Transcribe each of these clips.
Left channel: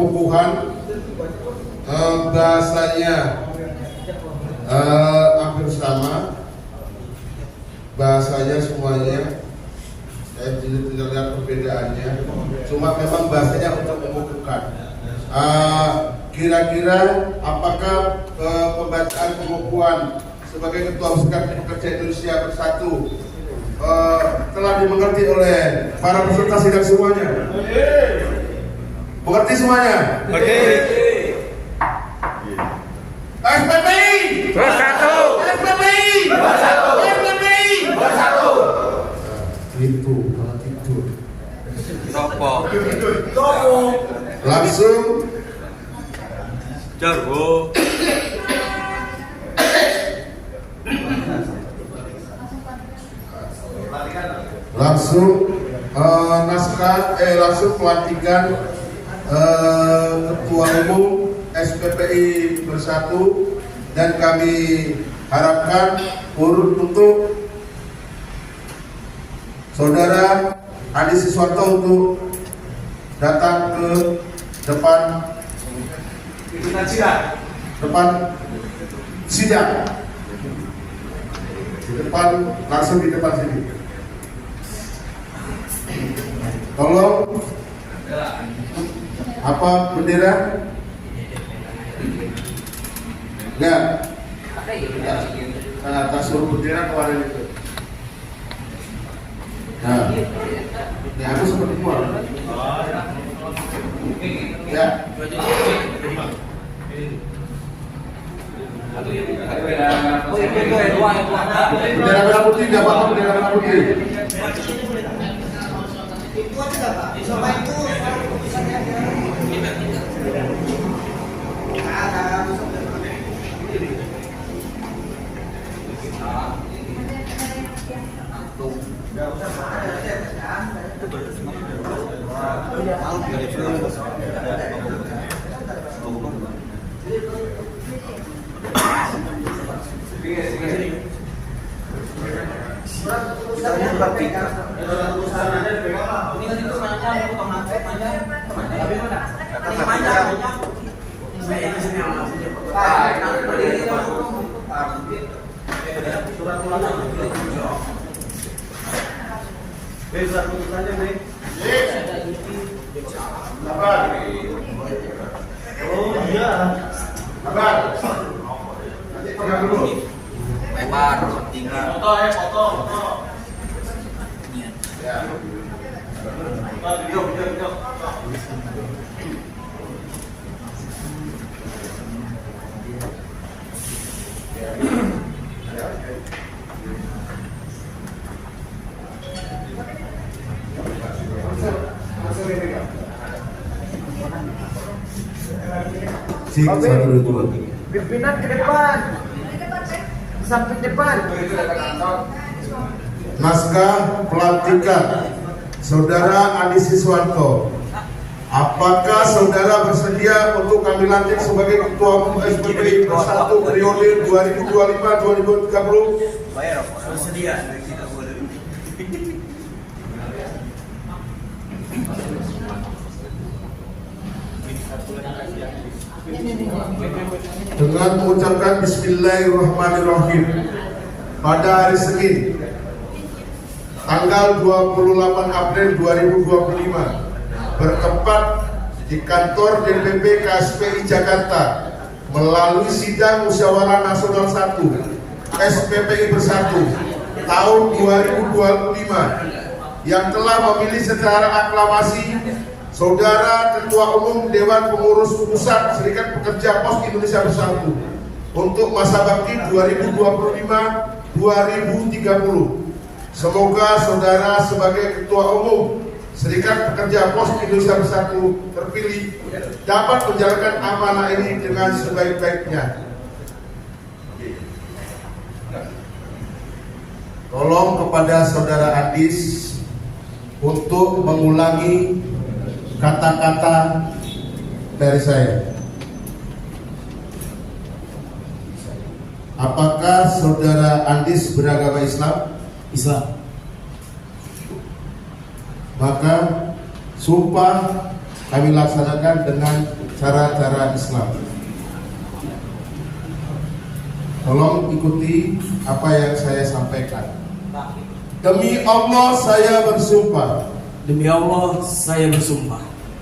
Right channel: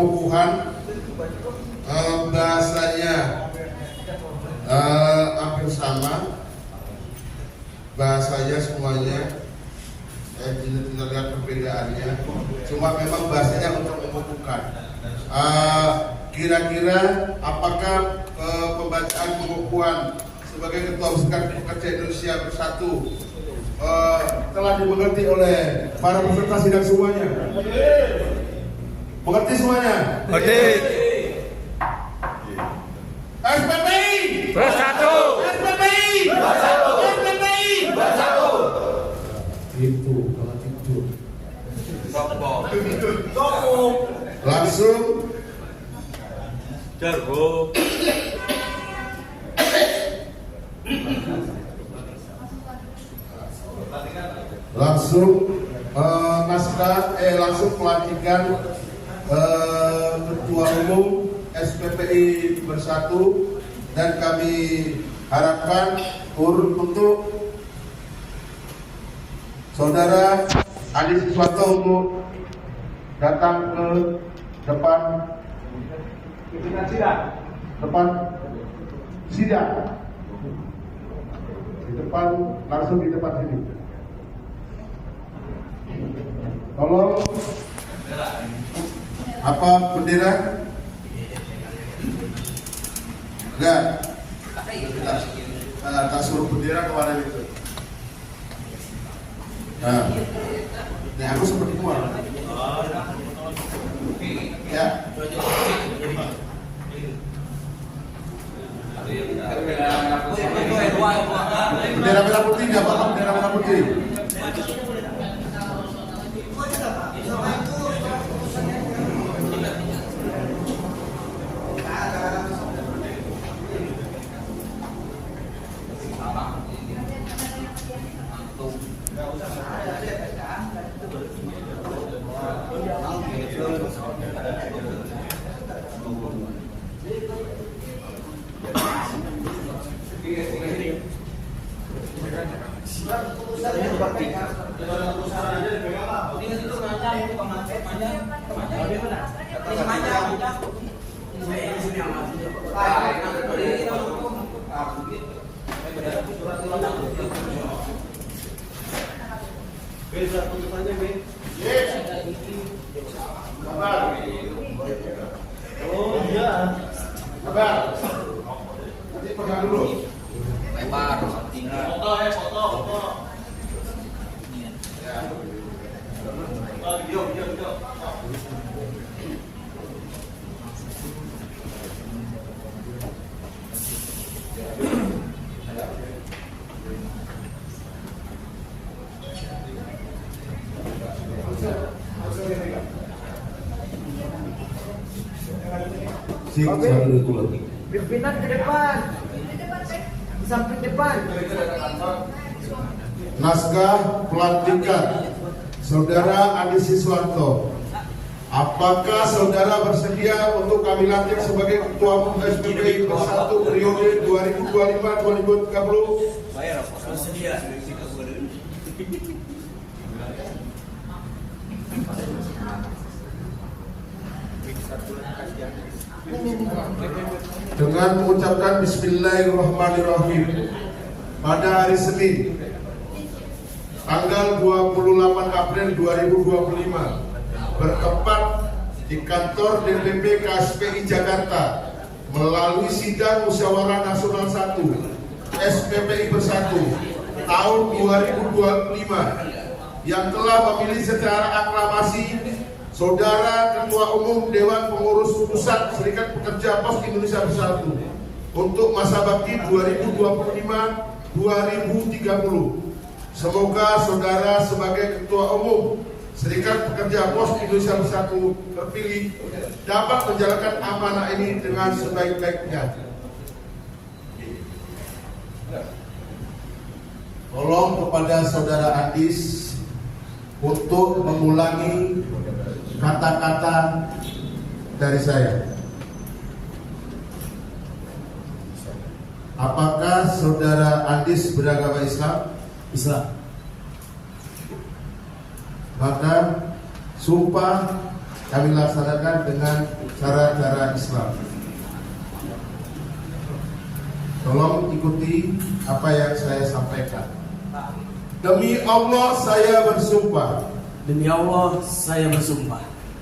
pengukuhan bahasanya hampir sama, bahasanya semuanya tidak lihat perbedaannya, cuma memang bahasanya untuk mengukuhkan. Kira-kira apakah pembacaan pengukuhan sebagai Ketua Serikat Pekerja Indonesia Bersatu telah dimengerti oleh para peserta sidang semuanya? Mengerti semuanya? Oke. SPPI Bersatu. SPPI Bersatu. SPPI Bersatu. Itu malah tidur. Nopo. Langsung Jarwo. langsung pelantikan Ketua Umum SPPI Bersatu, dan kami harapkan untuk Saudara Adi Siswanto untuk datang ke depan sidang, langsung di depan sini. Tolong, apa bendera? Enggak. Tak suruh bendera kemarin itu. Nah, ini aku seperti keluar. Ya. Bendera merah putih, nggak apa-apa bendera merah putih. Itu aja nggak Pak? Sama itu. Nanti pegang dulu. Lebar, tinggi. Foto. Ya. Video. Pimpinan ke depan. Samping depan. Naskah pelantikan Saudara Adi Siswanto. Apakah saudara bersedia untuk kami lantik sebagai Ketua Umum SPPI Bersatu periode 2025-2030? Bersedia. Dengan mengucapkan Bismillahirrahmanirrahim, pada hari Senin tanggal 28 April 2025 bertempat di kantor DPP KSPI Jakarta melalui sidang Musyawarah Nasional 1 SPPI Bersatu tahun 2025 yang telah memilih secara aklamasi Saudara Ketua Umum Dewan Pengurus Pusat Serikat Pekerja Pos Indonesia Bersatu untuk masa bakti 2025-2030. Semoga saudara sebagai Ketua Umum Serikat Pekerja Pos Indonesia Bersatu terpilih dapat menjalankan amanah ini dengan sebaik-baiknya. Tolong kepada saudara Adis untuk mengulangi kata-kata dari saya. Apakah saudara Andis beragama Islam? Islam. Maka sumpah kami laksanakan dengan cara-cara Islam. Tolong ikuti apa yang saya sampaikan. Demi Allah saya bersumpah. Demi Allah saya bersumpah.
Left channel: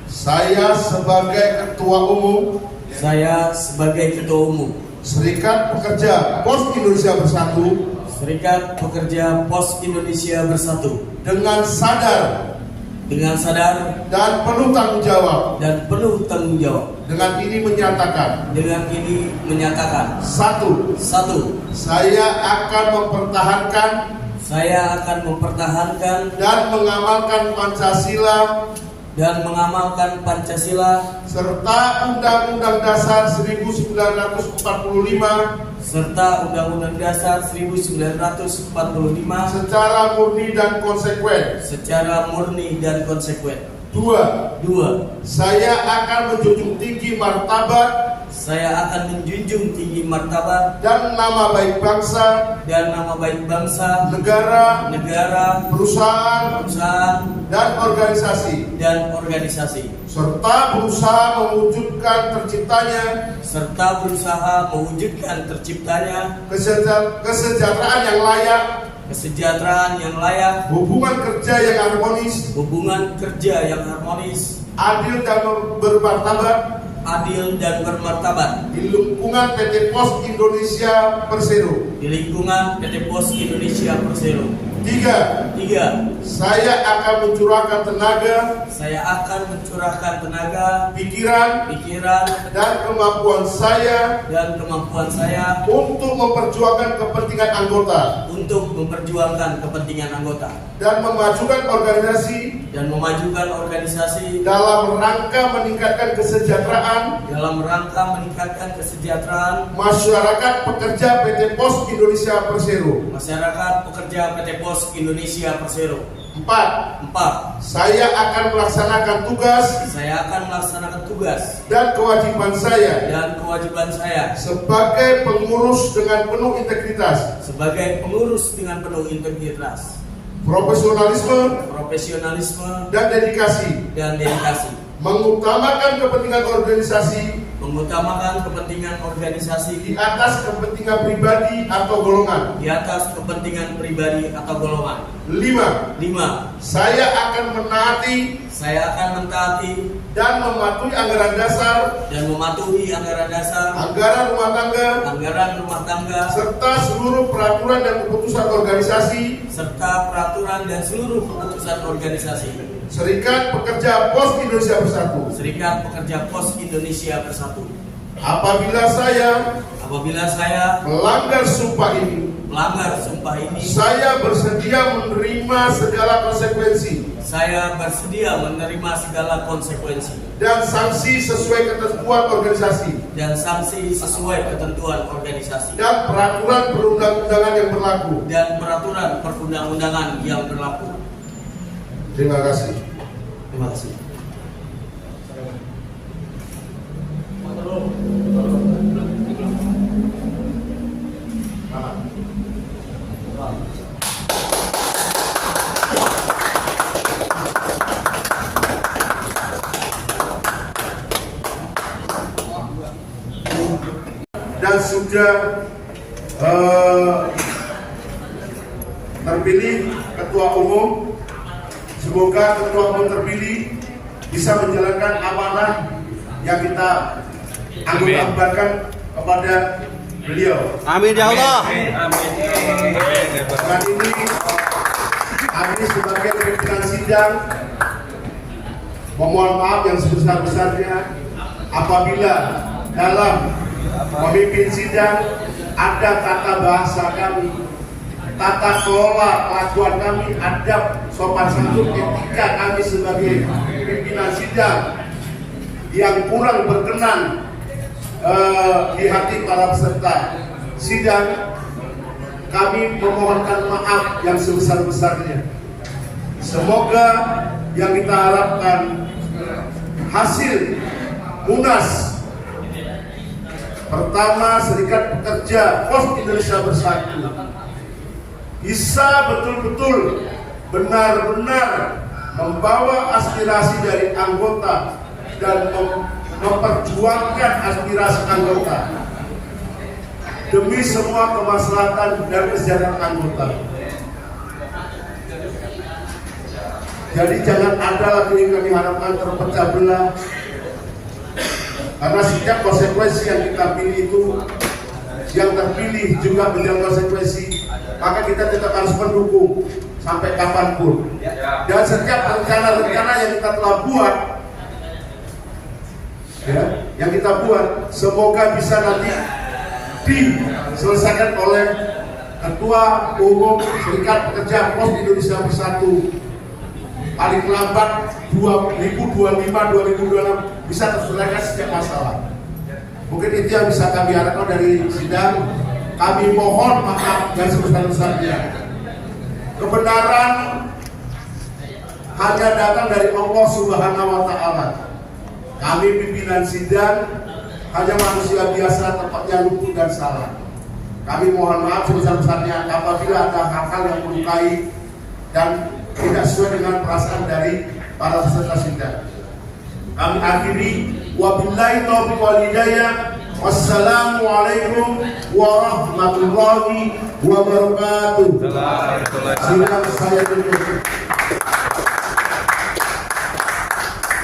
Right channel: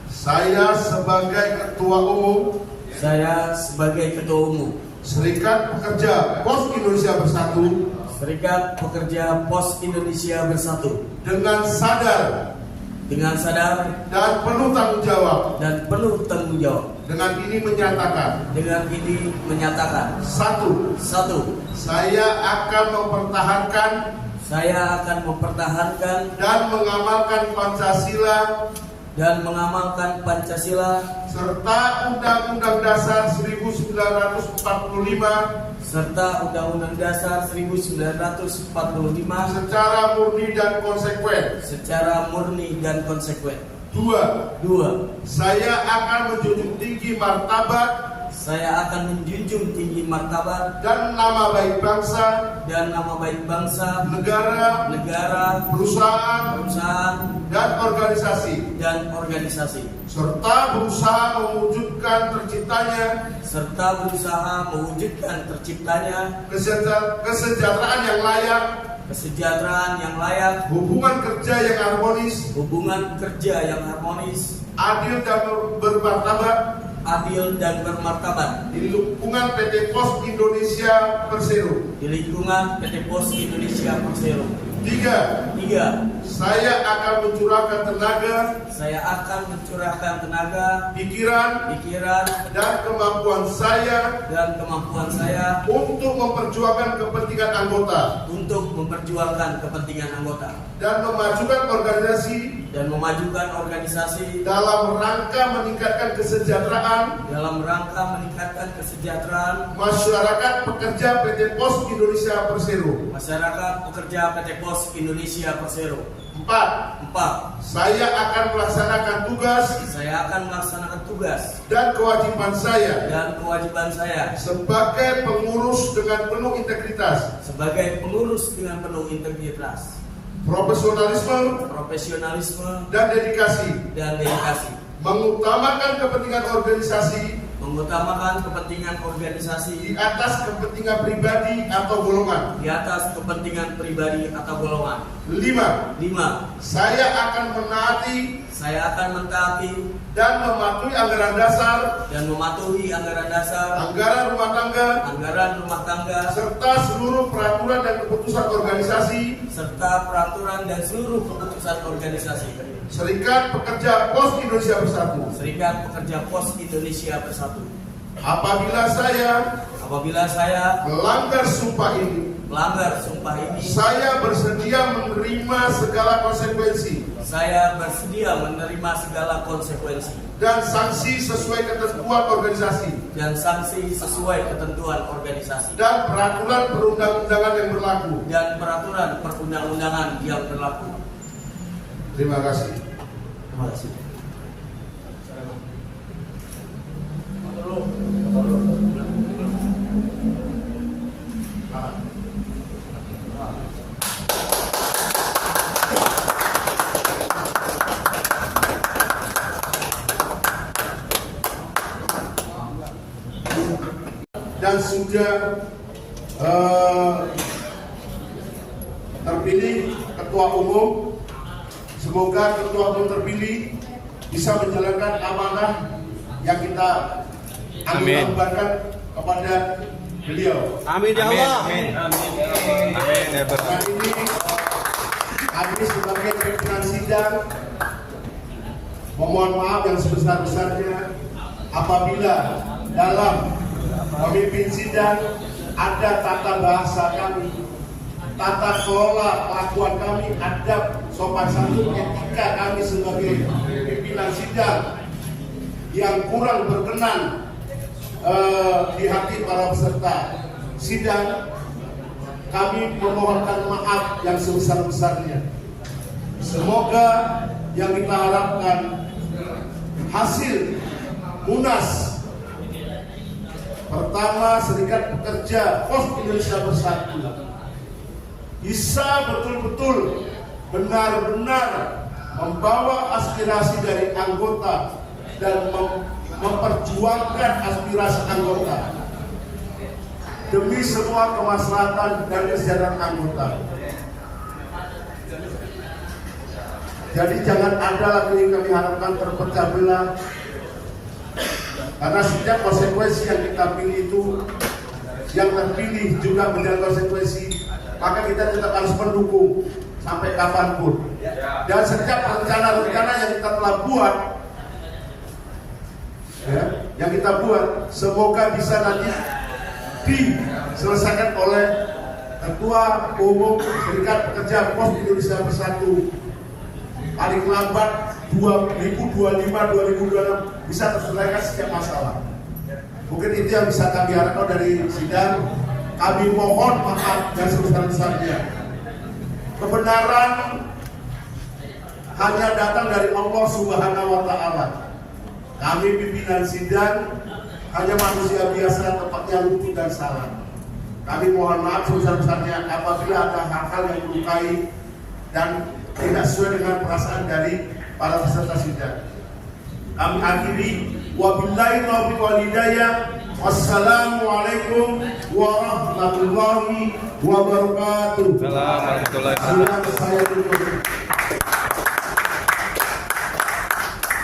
Saya sebagai Ketua Umum Saya sebagai Ketua Umum Serikat Pekerja Pos Indonesia Bersatu Serikat Pekerja Pos Indonesia Bersatu dengan sadar dan penuh tanggung jawab dengan ini menyatakan satu, saya akan mempertahankan dan mengamalkan Pancasila serta Undang-Undang Dasar 1945 secara murni dan konsekuen. Dua, saya akan menjunjung tinggi martabat dan nama baik bangsa, negara, perusahaan dan organisasi serta berusaha mewujudkan terciptanya kesejahteraan yang layak, hubungan kerja yang harmonis, adil dan bermartabat di lingkungan PT Pos Indonesia Persero. Tiga, saya akan mencurahkan tenaga, pikiran dan kemampuan saya untuk memperjuangkan kepentingan anggota dan memajukan organisasi dalam rangka meningkatkan kesejahteraan masyarakat pekerja PT Pos Indonesia Persero. Empat, saya akan melaksanakan tugas dan kewajiban saya sebagai pengurus dengan penuh integritas, profesionalisme dan dedikasi, mengutamakan kepentingan organisasi di atas kepentingan pribadi atau golongan. Lima, saya akan mentaati dan mematuhi anggaran dasar, anggaran rumah tangga, serta seluruh peraturan dan keputusan organisasi Serikat Pekerja Pos Indonesia Bersatu. Apabila saya melanggar sumpah ini, saya bersedia menerima segala konsekuensi dan sanksi sesuai ketentuan organisasi dan peraturan perundang-undangan yang berlaku. Terima kasih. Dan sudah terpilih Ketua Umum. Semoga Ketua Umum terpilih bisa menjalankan amanah yang kita amanahkan kepada beliau. Amin ya Allah. Dengan ini kami sebagai pimpinan sidang memohon maaf yang sebesar-besarnya apabila dalam memimpin sidang ada tata bahasa kami, tata kelola kelakuan kami, adab, sopan santun, etika kami sebagai pimpinan sidang yang kurang berkenan di hati para peserta sidang, kami memohonkan maaf yang sebesar-besarnya. Semoga yang kita harapkan hasil Munas pertama Serikat Pekerja Pos Indonesia Bersatu bisa betul-betul benar-benar membawa aspirasi dari anggota dan memperjuangkan aspirasi anggota demi semua kemaslahatan dan kesejahteraan anggota. Jadi jangan ada lagi yang kami harapkan terpecah belah, karena setiap konsekuensi yang kita pilih itu, yang terpilih juga menjalani konsekuensi, maka kita tetap harus mendukung sampai kapanpun. Dan setiap rencana-rencana yang kita telah buat, yang kita buat, semoga bisa nanti diselesaikan oleh Ketua Umum Serikat Pekerja Pos Indonesia Bersatu. Paling lambat 2025-2026 bisa terselesaikan setiap masalah. Mungkin itu yang bisa kami harapkan dari sidang. Kami mohon maaf dan sebesar-besarnya. Kebenaran hanya datang dari Allah Subhanahu wa Ta'ala. Kami pimpinan sidang hanya manusia biasa, tempatnya luput dan salah. Kami mohon maaf sebesar-besarnya apabila ada hal-hal yang melukai dan tidak sesuai dengan perasaan dari para peserta sidang. Kami akhiri, wabillahi taufiq wal hidayah. Wassalamualaikum warahmatullahi wabarakatuh. Sidang saya tutup.